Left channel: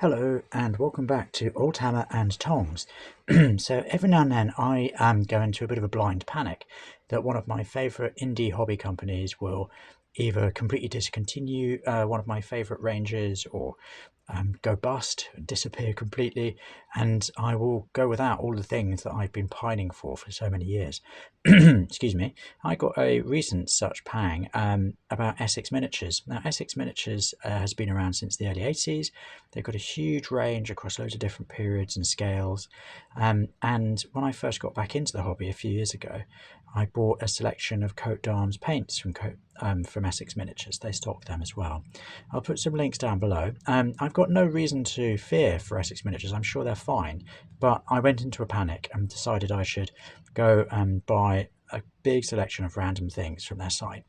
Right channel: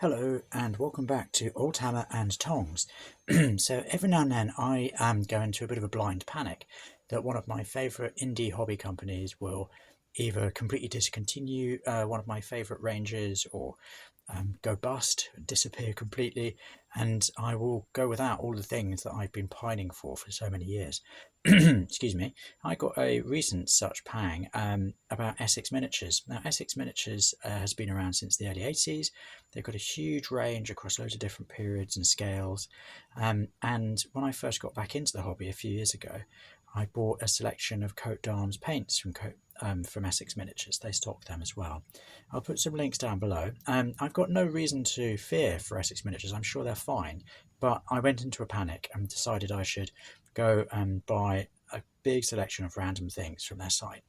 Hello and welcome back to Old Hammer and Tongs. So every now and then I go into a bit of a blind panic that one of my favourite indie hobby companies will either completely discontinue one of my favourite ranges or go bust, disappear completely, and I will go without all the things that I've been pining for so many years. Excuse me. I got a recent such pang about Essex Miniatures. Now, Essex Miniatures has been around since the early 80s. They've got a huge range across loads of different periods and scales. And when I first got back into the hobby a few years ago, I bought a selection of coat d'arms paints from Essex Miniatures. They stock them as well. I'll put some links down below. I've got no reason to fear for Essex Miniatures. I'm sure they're fine. But I went into a panic and decided I should go and buy a big selection of random things from their site.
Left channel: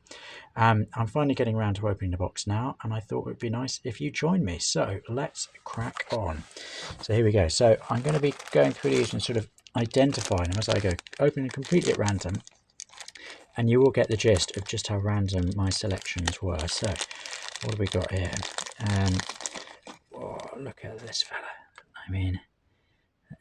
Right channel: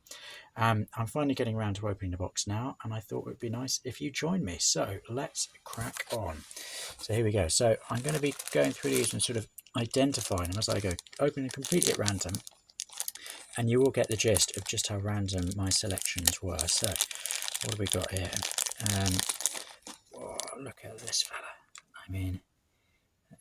I'm finally getting around to opening the box now, and I thought it would be nice if you join me. So let's crack on. So here we go. So I'm going to be going through these and sort of identifying them as I go, opening completely at random, and you will get the gist of just how random my selections were. So what have we got here? Oh, look at this fella. I mean,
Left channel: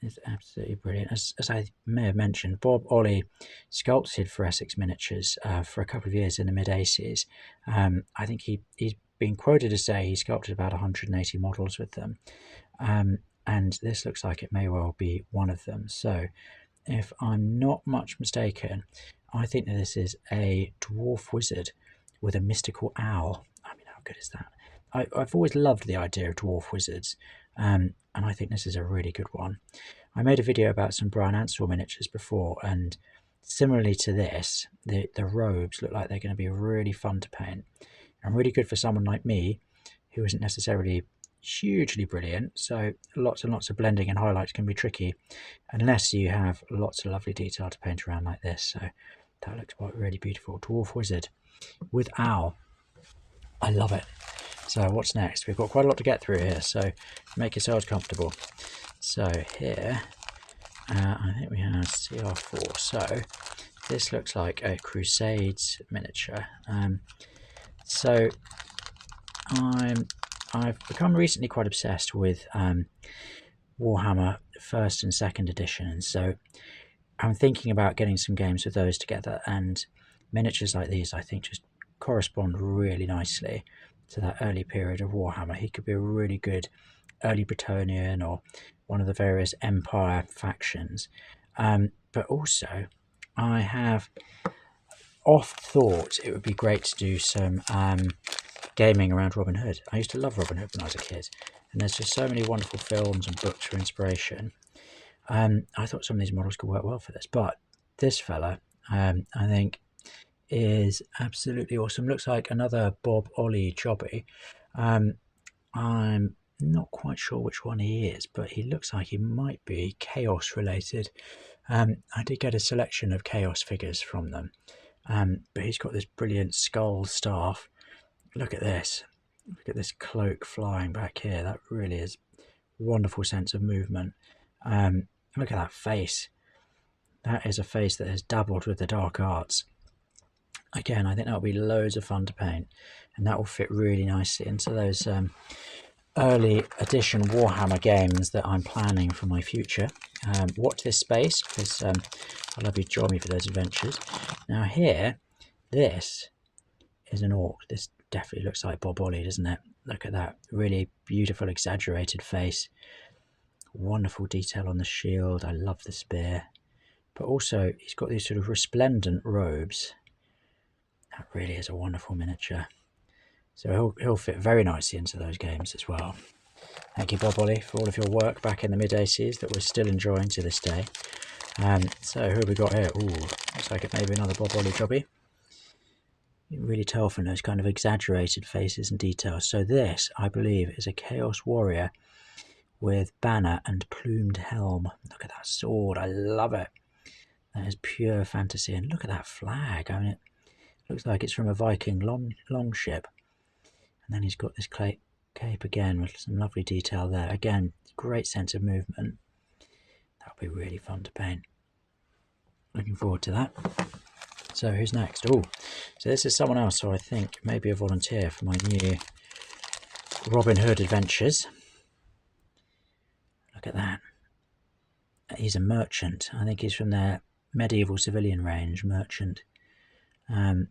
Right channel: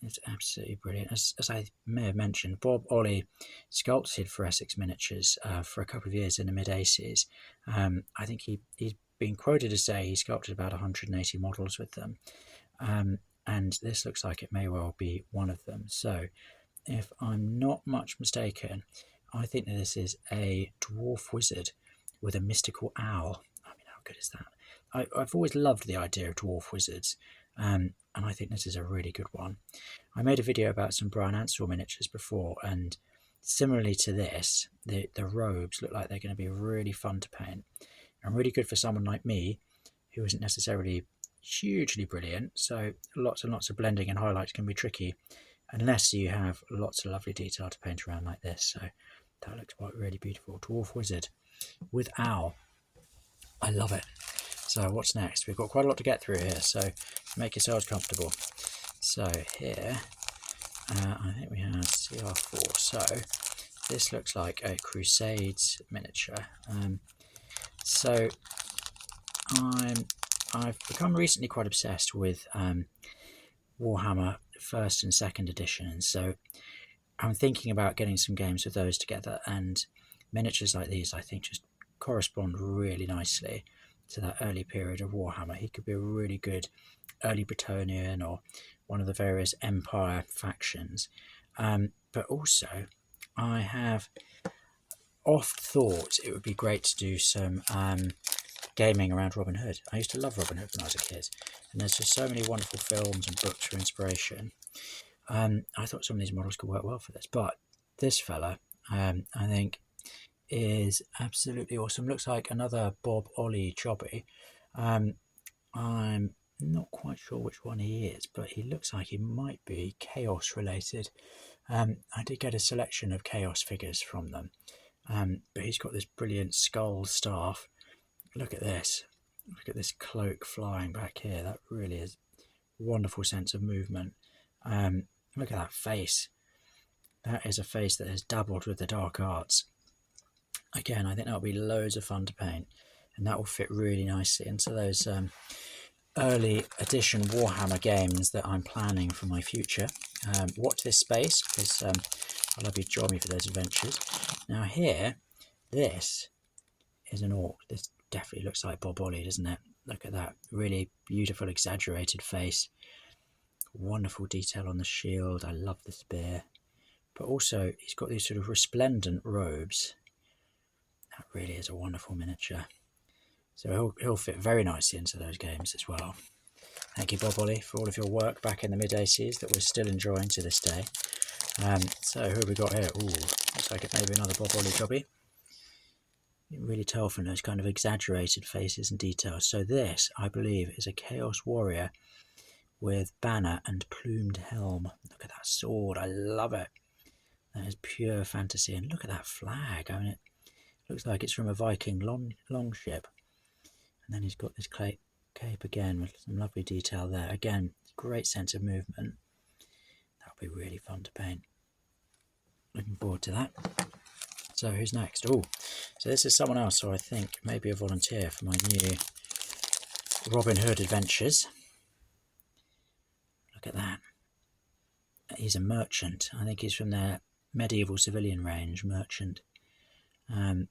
it's absolutely brilliant. As I may have mentioned, Bob Olley sculpted for Essex Miniatures for a couple of years in the mid-80s. I think he's been quoted to say he sculpted about 180 models with them. And this looks like it may well be one of them. So if I'm not much mistaken, I think that this is a dwarf wizard with a mystical owl. I mean, how good is that? I've always loved the idea of dwarf wizards, and I think this is a really good one. I made a video about some Brian Ansell miniatures before, and similarly to this, the robes look like they're going to be really fun to paint and really good for someone like me who isn't necessarily hugely brilliant, so lots and lots of blending and highlights can be tricky unless you have lots of lovely detail to paint around like this. So that looks really beautiful. Dwarf wizard with owl. I love it. So what's next? We've got quite a lot to get through here, so make yourselves comfortable. So here, I think we have CR4. So this looks like a Crusades miniature. So I've become recently quite obsessed with Warhammer 1st and 2nd edition, so I'm thinking about getting some games with those together, and miniatures like these I think just correspond really nicely to that early period of Warhammer. He could be a really good early Bretonnian or one of the various Empire factions. But also, I have oft thought it would be great to do some gaming around Robin Hood. I used to love Robin Hood when I was a kid, and there's just so many wonderful films and books for inspiration. I thought some of these models could work well for this, but this fella, I think, is absolutely awesome. Looks like another Bob Olley jobby. I'm not quite sure which one he is, but he looks like he might be Chaos related. I did get a selection of Chaos figures from them, but he's got this brilliant skull staff. Look at this. Look at this cloak flying back here. That really is a wonderful sense of movement. Look at that face. That is a face that has dabbled with the dark arts. Again, I think that'll be loads of fun to paint, and that will fit really nicely into those early edition Warhammer games that I'm planning for my future. Watch this space, because I'd love you to join me for those adventures. Now here, this is an orc. This definitely looks like Bob Olley, doesn't it? Look at that really beautiful exaggerated face. Wonderful detail on the shield. I love the spear, but also he's got these sort of resplendent robes. That really is a wonderful miniature. So he'll fit very nicely into those games as well. Thank you, Bob Olley, for all of your work back in the mid-80s that we're still enjoying to this day. So who have we got here? Ooh, looks like it may be another Bob Olley jobby. You can really tell from those kind of exaggerated faces and details. So this, I believe, is a Chaos Warrior with banner and plumed helm. Look at that sword. I love it. That is pure fantasy. And look at that flag. I mean, it looks like it's from a Viking longship. And then he's got this cape again with some lovely detail there. Again, great sense of movement. That'll be really fun to paint. Looking forward to that. So who's next? Oh, so this is someone else who I think may be a volunteer for my new Robin Hood adventures. Look at that. He's a merchant. I think he's from their medieval civilian range, merchant. And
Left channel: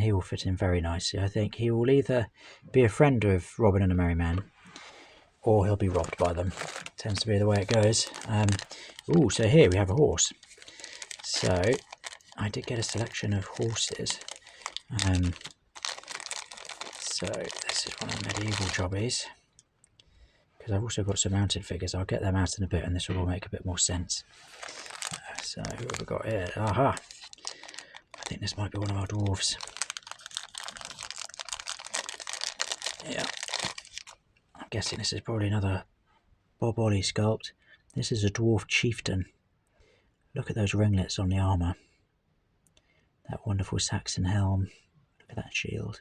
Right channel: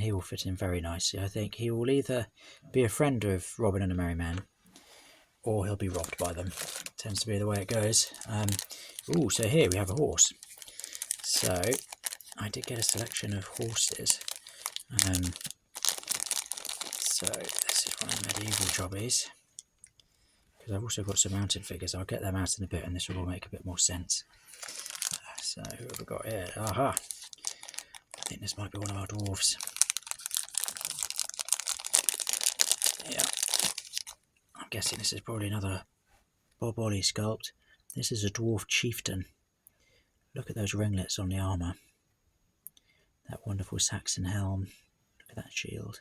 he will fit in very nicely. I think he will either be a friend of Robin and the Merry Men, or he'll be robbed by them. Tends to be the way it goes. Oh, so here we have a horse. So I did get a selection of horses. So this is one of the medieval jobbies. Because I've also got some mounted figures. I'll get them out in a bit and this will all make a bit more sense. So who have we got here? Aha! I think this might be one of our dwarves. Yeah. I'm guessing this is probably another Bob Olley sculpt. This is a dwarf chieftain. Look at those ringlets on the armour. That wonderful Saxon helm. Look at that shield.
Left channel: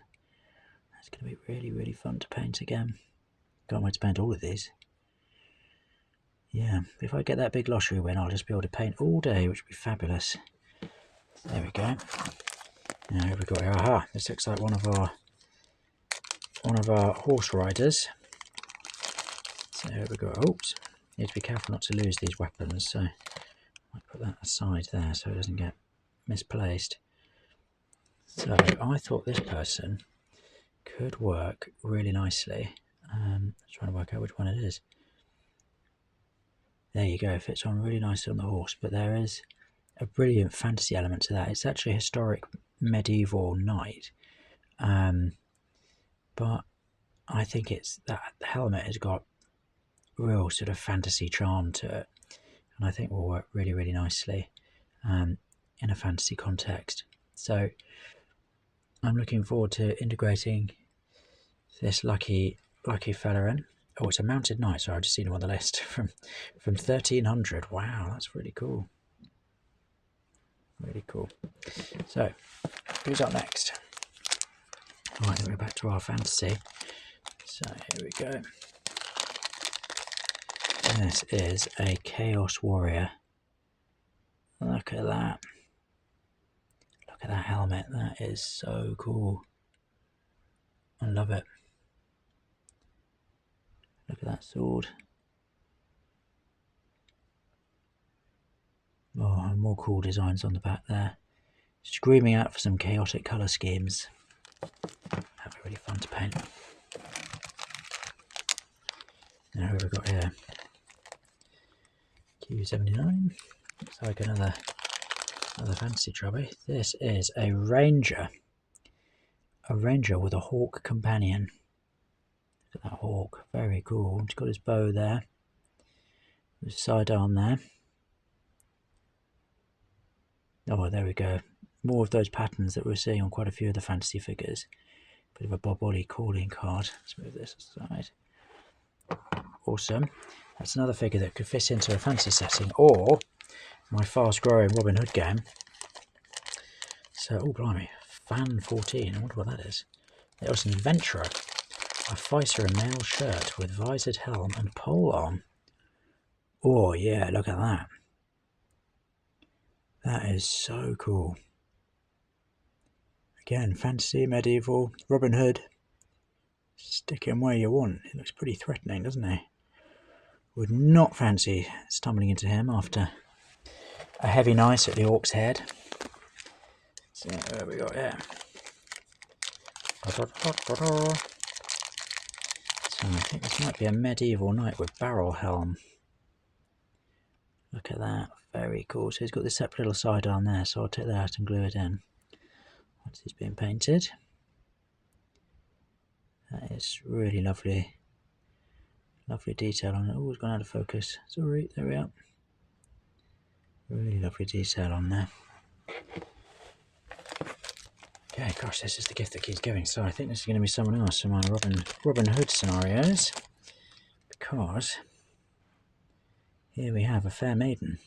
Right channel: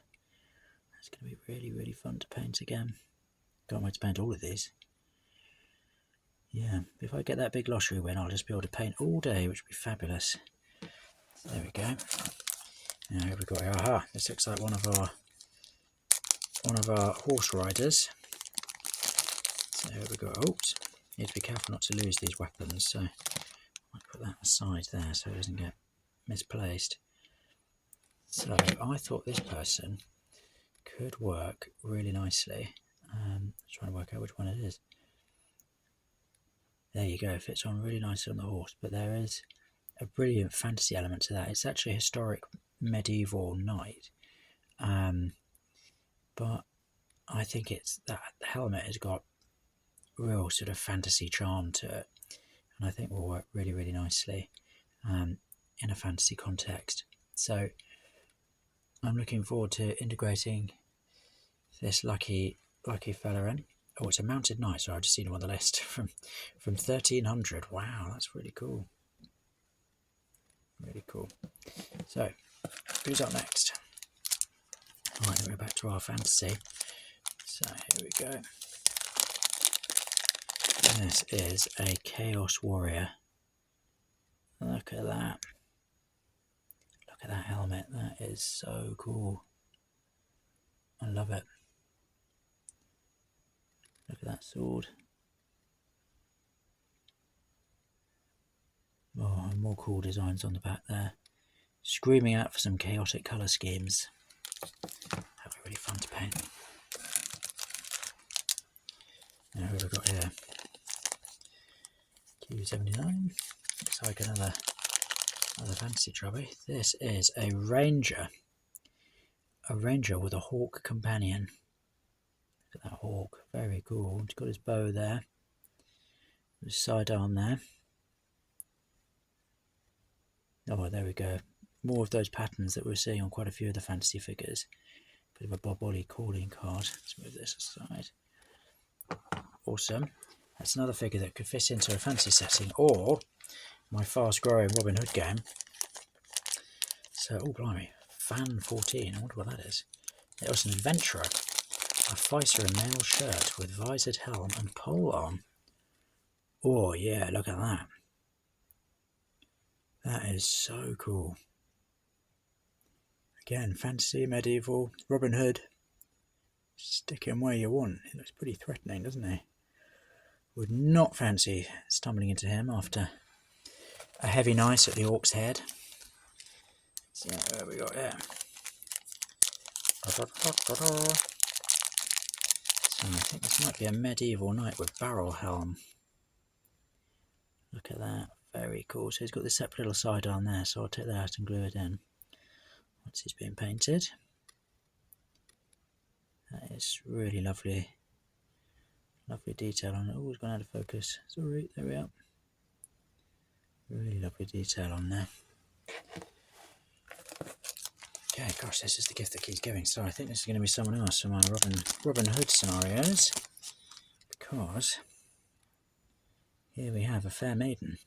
That's going to be really, really fun to paint again. Can't wait to paint all of these. Yeah, if I get that big lottery win, I'll just be able to paint all day, which would be fabulous. So there we go. Now here we got here. Aha! This looks like one of our horse riders. So here we go. Oops! Need to be careful not to lose these weapons. So I might put that aside there so it doesn't get misplaced. So I thought this person could work really nicely. Trying to work out which one it is. There you go, it fits on really nicely on the horse, but there is a brilliant fantasy element to that. It's actually a historic medieval knight, but I think it's that helmet has got real sort of fantasy charm to it, and I think will work really, really nicely in a fantasy context. So I'm looking forward to integrating this lucky fella in. Oh, it's a mounted knight, so I've just seen him on the list from 1300. Wow, that's really cool. Really cool. So, who's up next? Alright, we'll go back to our fantasy. So, here we go. This is a Chaos Warrior. Look at that. Look at that helmet. That is so cool. I love it. Look at that sword. Oh, and more cool designs on the back there. Screaming out for some chaotic colour schemes. That'd be really fun to paint. Now who have we got here? Q79. Looks like another fantasy trophy. This is a ranger. A ranger with a hawk companion. Look at that hawk, very cool. He's got his bow there, his sidearm there. Oh, there we go. More of those patterns that we're seeing on quite a few of the fantasy figures. Bit of a Bob Olley calling card. Let's move this aside. Awesome. That's another figure that could fit into a fantasy setting, or my fast-growing Robin Hood game. So, oh blimey, Fan 14. I wonder what that is. It was an adventurer. A fighter in mail shirt with visored helm and pole arm. Oh yeah, look at that. That is so cool. Again, fantasy, medieval, Robin Hood. Stick him where you want. He looks pretty threatening, doesn't he? Would not fancy stumbling into him after a heavy night at the Orc's Head. So where we got here? So I think this might be a medieval knight with barrel helm. Look at that, very cool. So he's got this separate little sidearm there, so I'll take that out and glue it in once he's been painted. That is really lovely. Lovely detail on it. Oh, it's gone out of focus. Sorry, there we are. Really lovely detail on there. Okay, gosh, this is the gift that keeps giving. So I think this is going to be someone else from my Robin Hood scenarios, because here we have a fair maiden.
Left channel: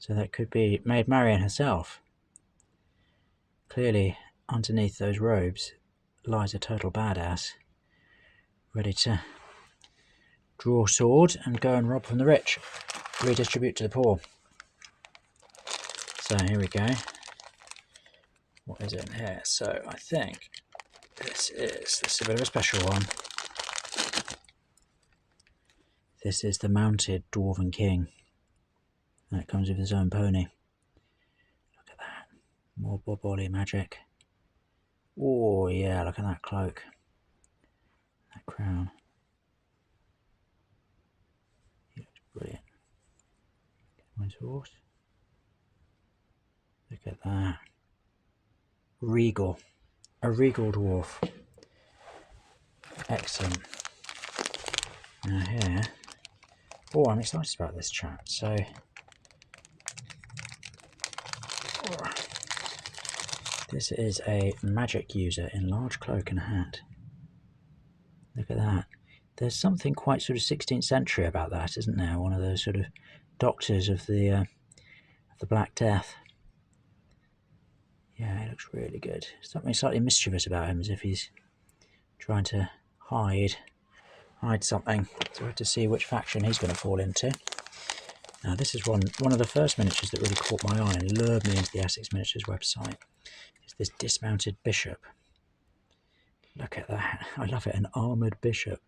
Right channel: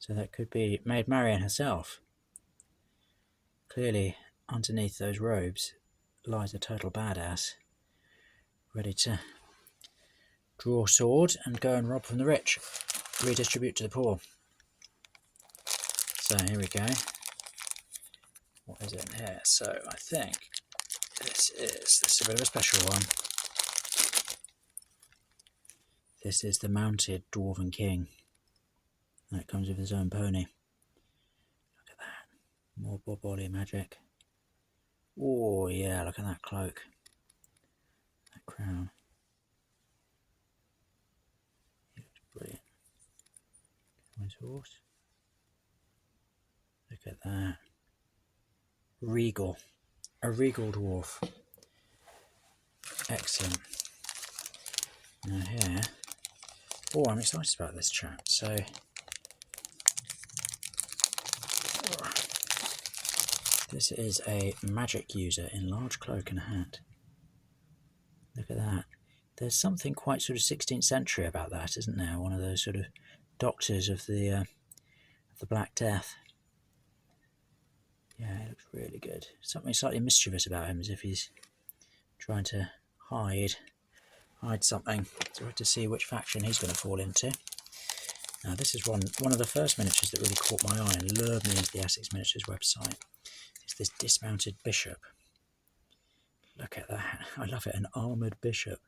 So that could be Maid Marian herself. Clearly, underneath those robes lies a total badass, ready to draw sword and go and rob from the rich, redistribute to the poor. So here we go. What is it in here? So I think this is a bit of a special one. This is the mounted Dwarven King. That comes with his own pony. Look at that. More Bob Olley magic. Oh yeah, look at that cloak. That crown. It's brilliant. On his horse. Look at that. Regal. A regal dwarf. Excellent. Now here. Oh, I'm excited about this chap. So this is a magic user in large cloak and hat. Look at that. There's something quite sort of 16th century about that, isn't there? One of those sort of doctors of the Black Death. Yeah, he looks really good. Something slightly mischievous about him, as if he's trying to hide something. So we have to see which faction he's going to fall into. Now this is one of the first miniatures that really caught my eye and lured me into the Essex Miniatures website. It's this dismounted bishop. Look at that. I love it. An armoured bishop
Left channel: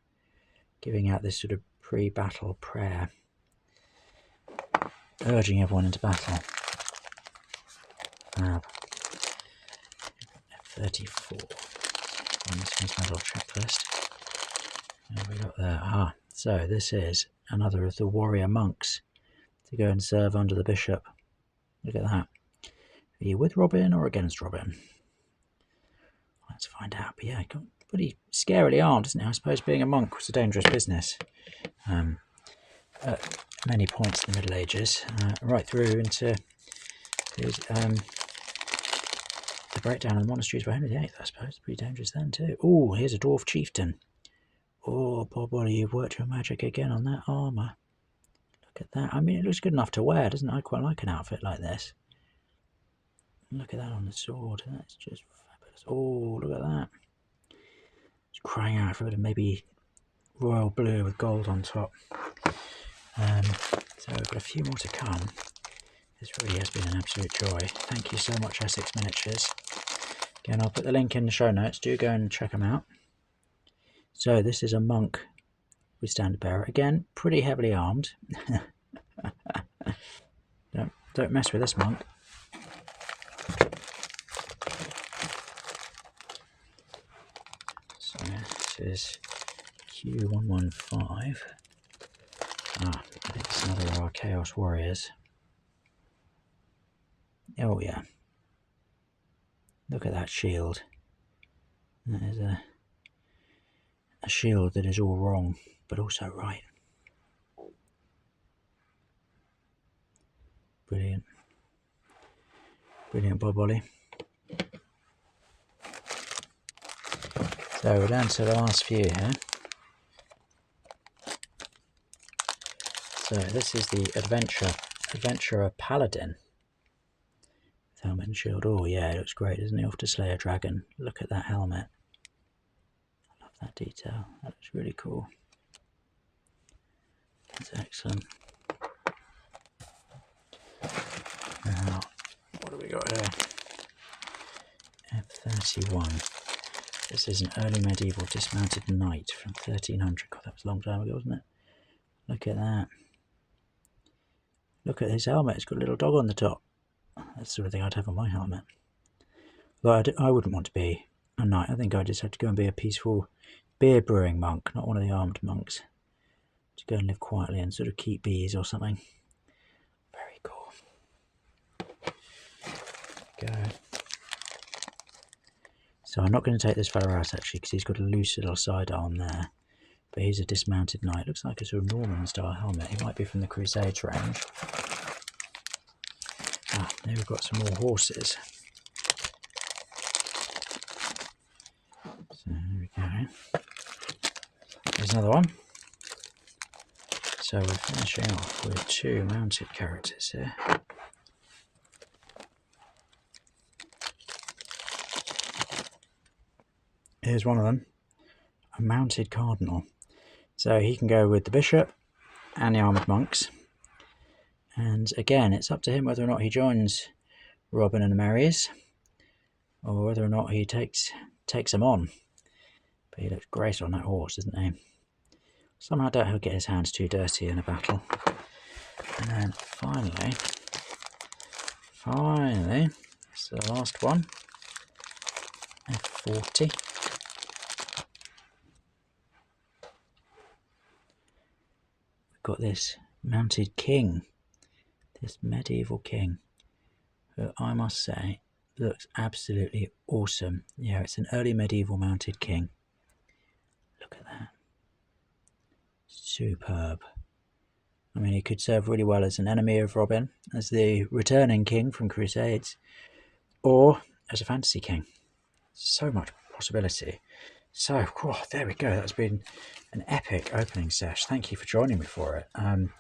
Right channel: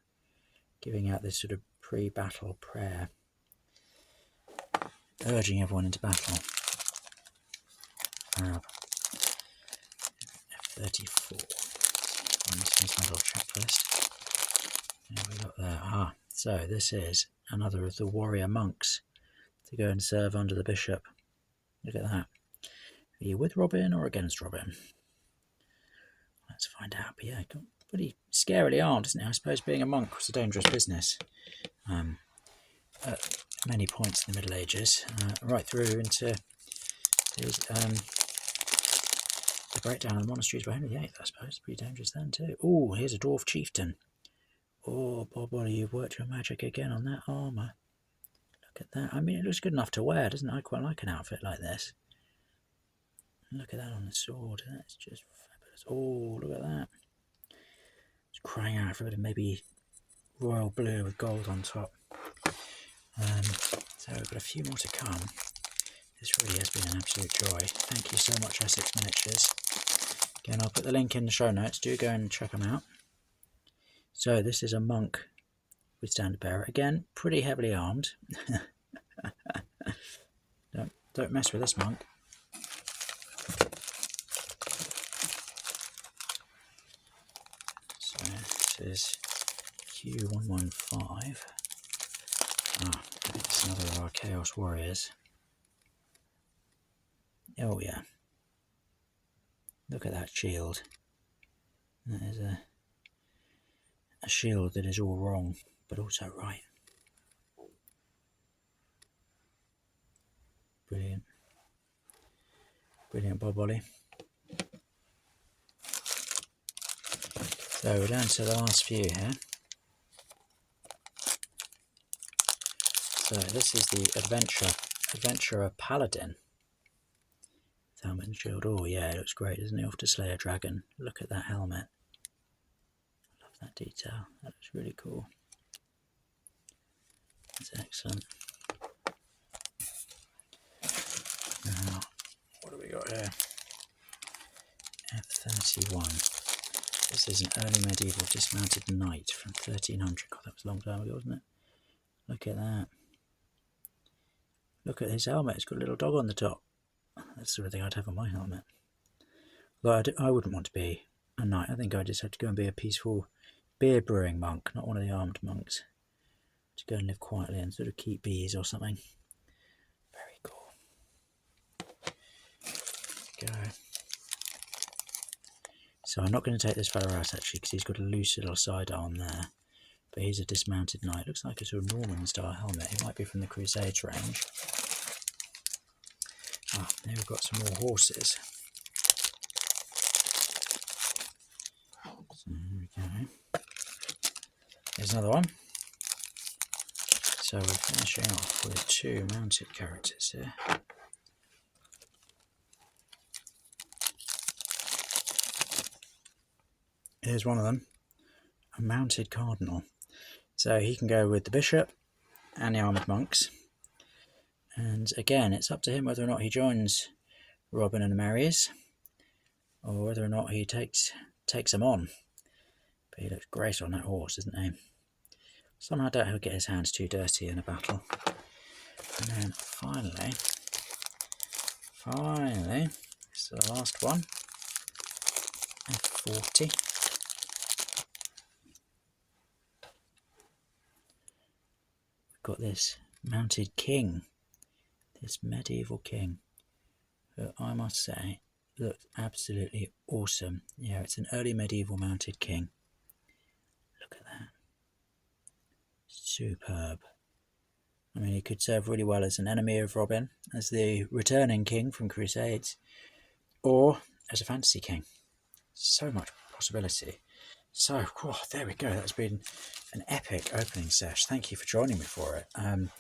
giving out this sort of pre-battle prayer, urging everyone into battle. Wow. 34. On this medal checklist. What have we got there? Ah, so this is another of the warrior monks to go and serve under the bishop. Look at that. Are you with Robin or against Robin? Let's find out. But yeah, got pretty scarily armed, isn't he? I suppose being a monk was a dangerous business at many points in the Middle Ages, right through into his the breakdown of the monasteries by Henry VIII, I suppose. Pretty dangerous then too. Oh, here's a dwarf chieftain. Oh, Bob Olley, you've worked your magic again on that armour. Look at that. I mean, it looks good enough to wear, doesn't it? I quite like an outfit like this. Look at that on the sword. That's just fabulous. Oh, look at that. It's crying out for a bit of maybe royal blue with gold on top. So we've got a few more to come. This really has been an absolute joy. Thank you so much, Essex Miniatures. Again, I'll put the link in the show notes. Do go and check them out. So this is a monk with standard bearer. Again, pretty heavily armed. Don't mess with this monk. So this is Q115. Ah, it's another of our Chaos Warriors. Oh yeah. Look at that shield. That is a shield that is all wrong, but also right. Brilliant. Brilliant, Bob Olley. So we're down to the last few here. So this is the Adventurer Paladin. Helmet and shield. Oh yeah, it looks great, doesn't it? Off to slay a dragon. Look at that helmet. I love that detail. That looks really cool. That's excellent. Now, what do we got here? F31. This is an early medieval dismounted knight from 1300. God, that was a long time ago, wasn't it? Look at that. Look at his helmet. It's got a little dog on the top. That's the sort of thing I'd have on my helmet. Well, I wouldn't want to be a knight. I think I'd just have to go and be a peaceful beer brewing monk, not one of the armed monks. To go and live quietly and sort of keep bees or something. Very cool. Go. So I'm not going to take this fella out actually, because he's got a loose little side arm there. But he's a dismounted knight. Looks like a sort of Norman style helmet. He might be from the Crusades range. Ah, there we've got some more horses. So there we go. There's another one. So we're finishing off with two mounted characters here. Here's one of them, a mounted cardinal. So he can go with the bishop and the armoured monks. And again, it's up to him whether or not he joins Robin and the Marys, or whether or not he takes them on. But he looks great on that horse, doesn't he? Somehow don't he'll get his hands too dirty in a battle. And then finally, it's the last one, F40. We've got this mounted king, this medieval king, who I must say looks absolutely awesome. Yeah, it's an early medieval mounted king. Look at that. Superb. I mean, he could serve really well as an enemy of Robin, as the returning king from Crusades, or as a fantasy king. So much possibility. So, oh, there we go. That's been an epic opening sesh. Thank you for joining me for it. And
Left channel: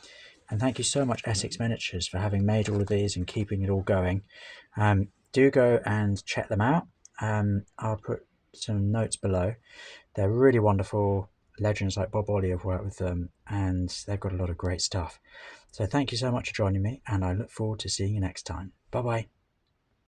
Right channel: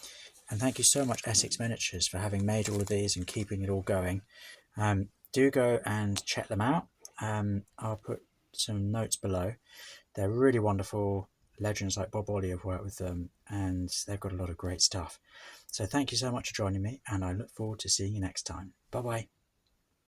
thank you so much, Essex Miniatures, for having made all of these and keeping it all going. Do go and check them out. I'll put some notes below. They're really wonderful. Legends like Bob Olley have worked with them, and they've got a lot of great stuff. So thank you so much for joining me, and I look forward to seeing you next time. Bye bye.